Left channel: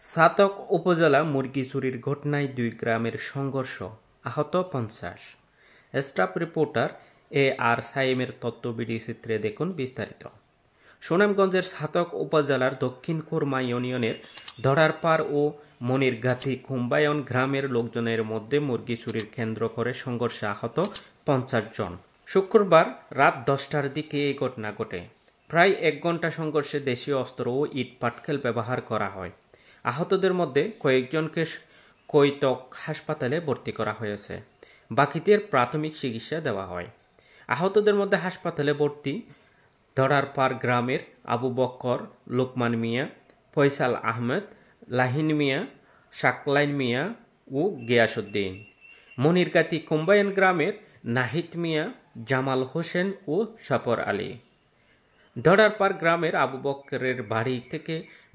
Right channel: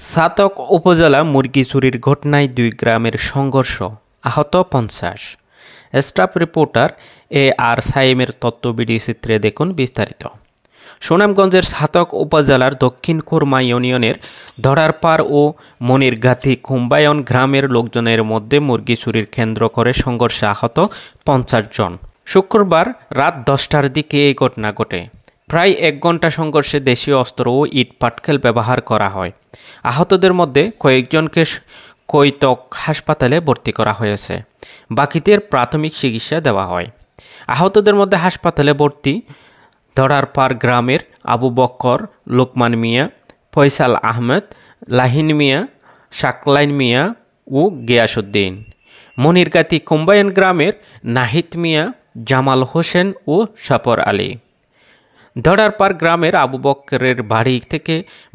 ছাতক উপজেলা মুরগি চুরির ঘটনায় ২ গ্রামের সংঘর্ষ, আহত ৫০। স্টাফ রিপোর্টার আর সাইমের তথ্যবিডি চিত্রে দেখুন বিস্তারিত। সুনামগঞ্জের ছাতক উপজেলার দক্ষিণ কুরমা ইউনিয়নের ধরারপাড় ও মনিরগাতি কুম্বায়ন গ্রামের লোকজনের মধ্যে মুরগি চুরির কেন্দ্র করে সংঘর্ষে আহত ৫০ জন। শুক্রবার রাত ১০টার দিকে এই ঘটনা ঘটে। প্রায় ১ ঘন্টা সংঘর্ষে দেশীয় অস্ত্র ও ইট পাটকেল ব্যবহার করা হয়। আহতদের মধ্যে কয়েকজনকে কৈতক হাসপাতালে ভর্তি করা হয়েছে, বাকিদের প্রাথমিক চিকিৎসা দেওয়া হয়। আহতদের মধ্যে হাসপাতালে ভর্তি ধরারপাড় গ্রামের আবু বক্কর, লোকমান মিয়া, ফয়সাল আহমেদ, লাহিন মিয়া, শাকলাইন মিয়া ও গিয়াসউদ্দিন। মনিরগাতি কুম্বায়ন গ্রামের নাহিদ মিয়া, জামাল হোসেন ও সফর আলী। ধরারপাড় গ্রামের আবু বক্করের বাড়ি থেকে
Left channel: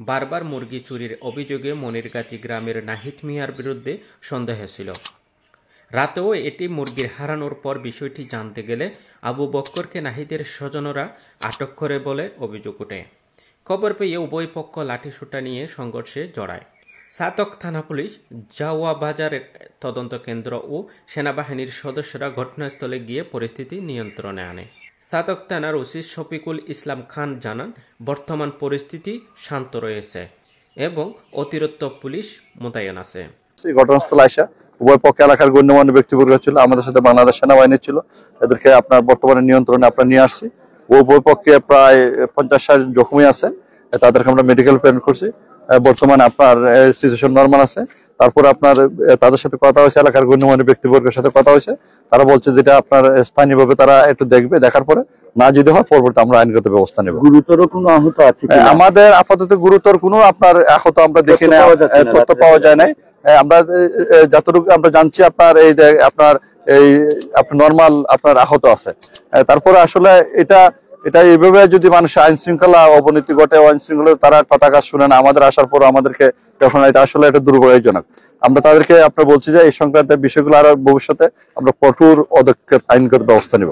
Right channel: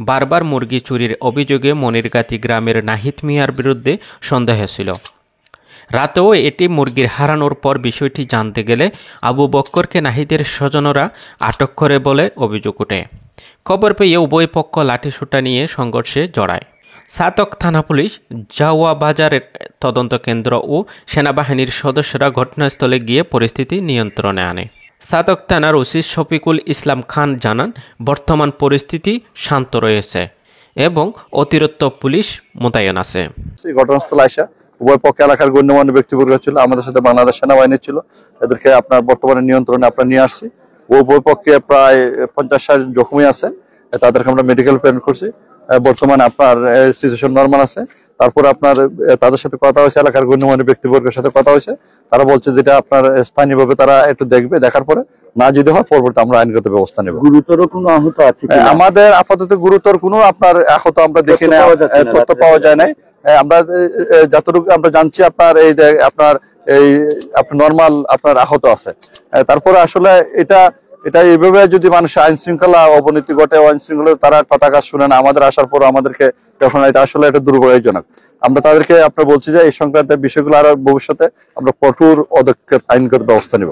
বারবার মুরগি চুরির অভিযোগে মনিরগাতি গ্রামের নাহিদ মিয়ার বিরুদ্ধে সন্দেহ ছিল। রাতেও এটি মুরগির হারানোর পর বিষয়টি জানতে গেলে আবু বক্করকে নাহিদের স্বজনরা আটক করে বলে অভিযোগ ওঠে। খবর পেয়ে উভয় পক্ষ লাঠিসোঁটা নিয়ে সংঘর্ষে জড়ায়। ছাতক থানা পুলিশ, জাওয়া বাজারের তদন্ত কেন্দ্র ও সেনাবাহিনীর সদস্যরা ঘটনাস্থলে গিয়ে পরিস্থিতি নিয়ন্ত্রণে আনে। ছাতক থানার ওসি শফিকুল ইসলাম খান জানান, বর্তমান পরিস্থিতি শান্ত রয়েছে এবং অতিরিক্ত পুলিশ মোতায়েন আছে। ঘটনাস্থলে আসা উভয় পক্ষে এলাকার গণ্যমান্য ব্যক্তিবর্গ ছিল, আমাদের সাথে বাংলাদেশ সেনাবাহিনী ছিল। এদেরকে আপনার বর্তমানে নিয়ন্ত্রণে নিয়ে আসছি। উভয় পক্ষে প্রায় ৫০-৬০ জখমি আছে, তাদেরকে আমরা মেডিকেল প্রেরণ করছি। বর্তমানে আপনার সিচুয়েশন নরমাল আছে। তারপর আপনার তাদের সাথে কথা হয়েছে, এলাকার গণ্যমান্য ব্যক্তিবর্গের সাথে কথা হয়েছে। তারা বলছে যেটা আপনার স্থানীয়ভাবে তারা একটু দেখবে, দেখার পরে না যদি হয় পরবর্তী আমরা আইনগত ব্যবস্থা নেব। গুরুতর কোনো আহত আছে আমাদের আপাতত গুরুতর কোনো আপনার আহত আমরা দেখি না, তথ্য পাওয়া যায় নাই। আমরা যতটুকু আমরা জানছি আপনার আপনার নরমাল আপনার আহত আছে। তারপরে আসলে এটা এইভাবে যদি মানুষের আইন শৃঙ্খলা অবনতি ঘটে, আইন শৃঙ্খলা তারা কথা শুনে না, আমাদের আসার পর আমাদেরকে তখন এটা আসলে একটা দুর্ভাগ্যজনক। আমরা তাদেরকে আপনার বলছি যে এই সংক্রান্ত বিষয়গুলো আরো ভবিষ্যতে আমরা কঠোর পদক্ষেপ আইনগত ব্যবস্থা নেব।